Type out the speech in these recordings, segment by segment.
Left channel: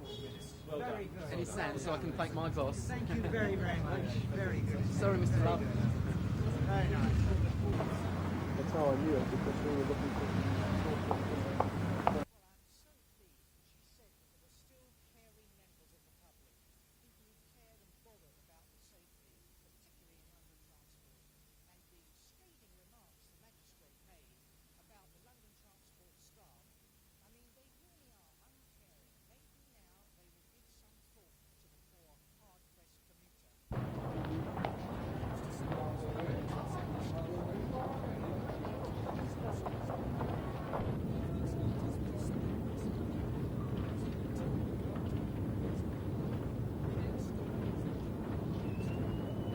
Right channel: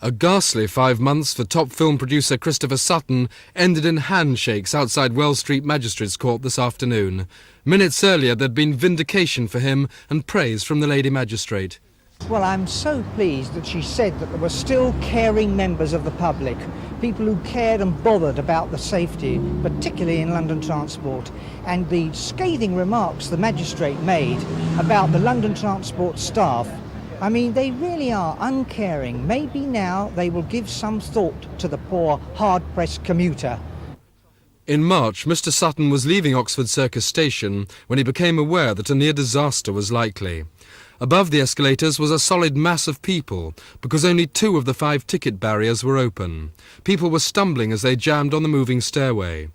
A ghastly 5 months for top film producer Christopher Sutton ended in handshakes outside Wells Street Magistrates Court this afternoon. Minutes earlier there'd been vindication for him and praise from the Lady Magistrate. Well, I'm so pleased that she said that there were still caring members of the public, people who cared and bothered about the safety, particularly in London transport. And the scathing remarks the magistrate made about the London transport staff, I mean, they really are uncaring. Maybe now they will give some thought to the poor, hard-pressed commuter. In March, Mr. Sutton was leaving Oxford Circus station when he became aware that a near disaster was likely. Above the escalators was a solid mass of people, because only 2 of the 5 ticket barriers were open. People were stumbling as they jammed on the moving stairway.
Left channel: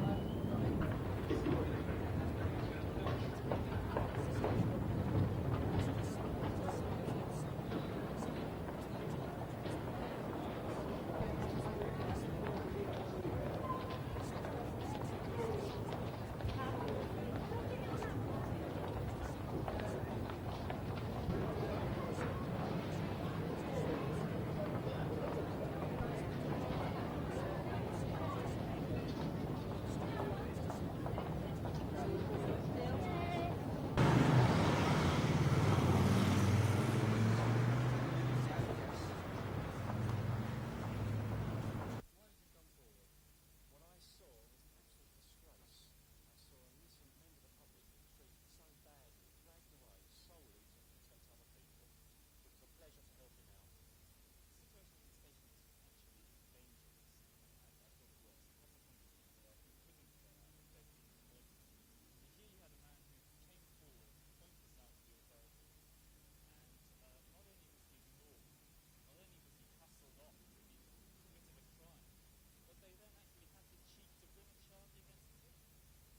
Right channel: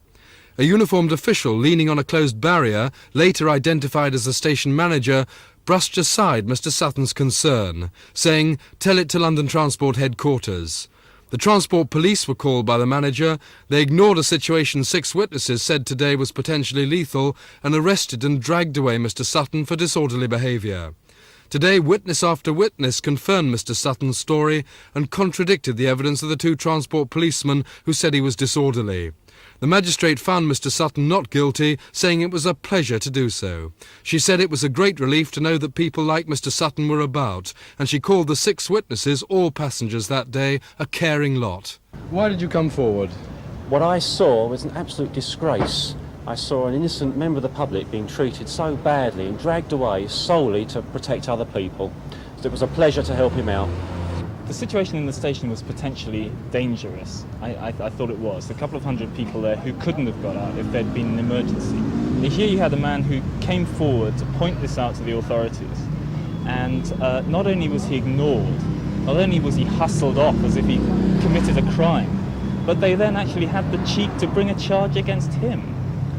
A uniformed official leaning on a closed barrier, later identified as the station manager, brushed aside Mr. Sutton's concern, saying, "Tell it to London Transport headquarters." The transport police were called by the manager. They ignored a situation 6 witnesses said today was potentially lethal and arrested and dragged away Mr. Sutton for disorderly behaviour. Today, witness after witness confirmed Mr. Sutton's story and contradicted the evidence of the 2 transport policemen who said he was disorderly. The magistrate found Mr. Sutton not guilty, saying it was a pleasure to do so. She said it was a great relief to know that people like Mr. Sutton were about, and she called the 6 witnesses, all passengers that day, a caring lot. Why did you come forward? What I saw was an absolute disgrace. I saw an innocent member of the public being treated so badly and dragged away solely to protect other people. So it was a pleasure to help him out. The situation in the station was potentially dangerous. I thought it was. A couple of hundred people there who couldn't have got out if there'd been an emergency. And here you had a man who came forward to point this out to the authorities. And not only was he ignored, not only was he hustled off as if he committed a crime, but they then actually had the cheek to bring a charge against him.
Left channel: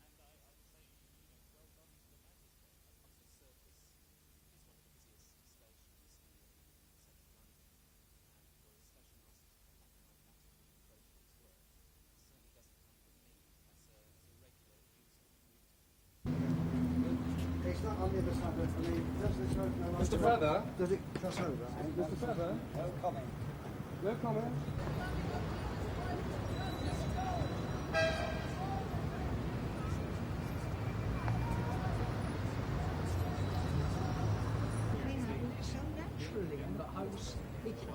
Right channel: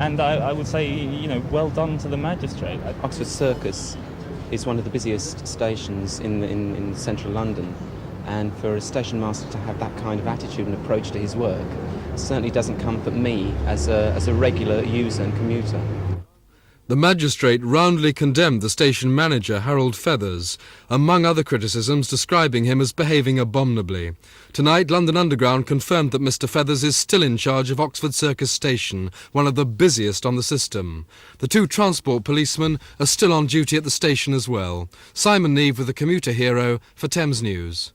And I would say, you know, well done to the magistrate. Oxford Circus is one of the busiest stations in central London. And for a station master to have that kind of attitude and approach to his work certainly doesn't comfort me as a regular user and commuter. The magistrate roundly condemned the station manager, Harold Feathers, among other criticisms describing him as behaving abominably. Tonight, London Underground confirmed that Mr. Feathers is still in charge of Oxford Circus Station, one of the busiest on the system. The 2 transport policemen are still on duty at the station as well. Simon Neve with the Commuter Hero for Thames News.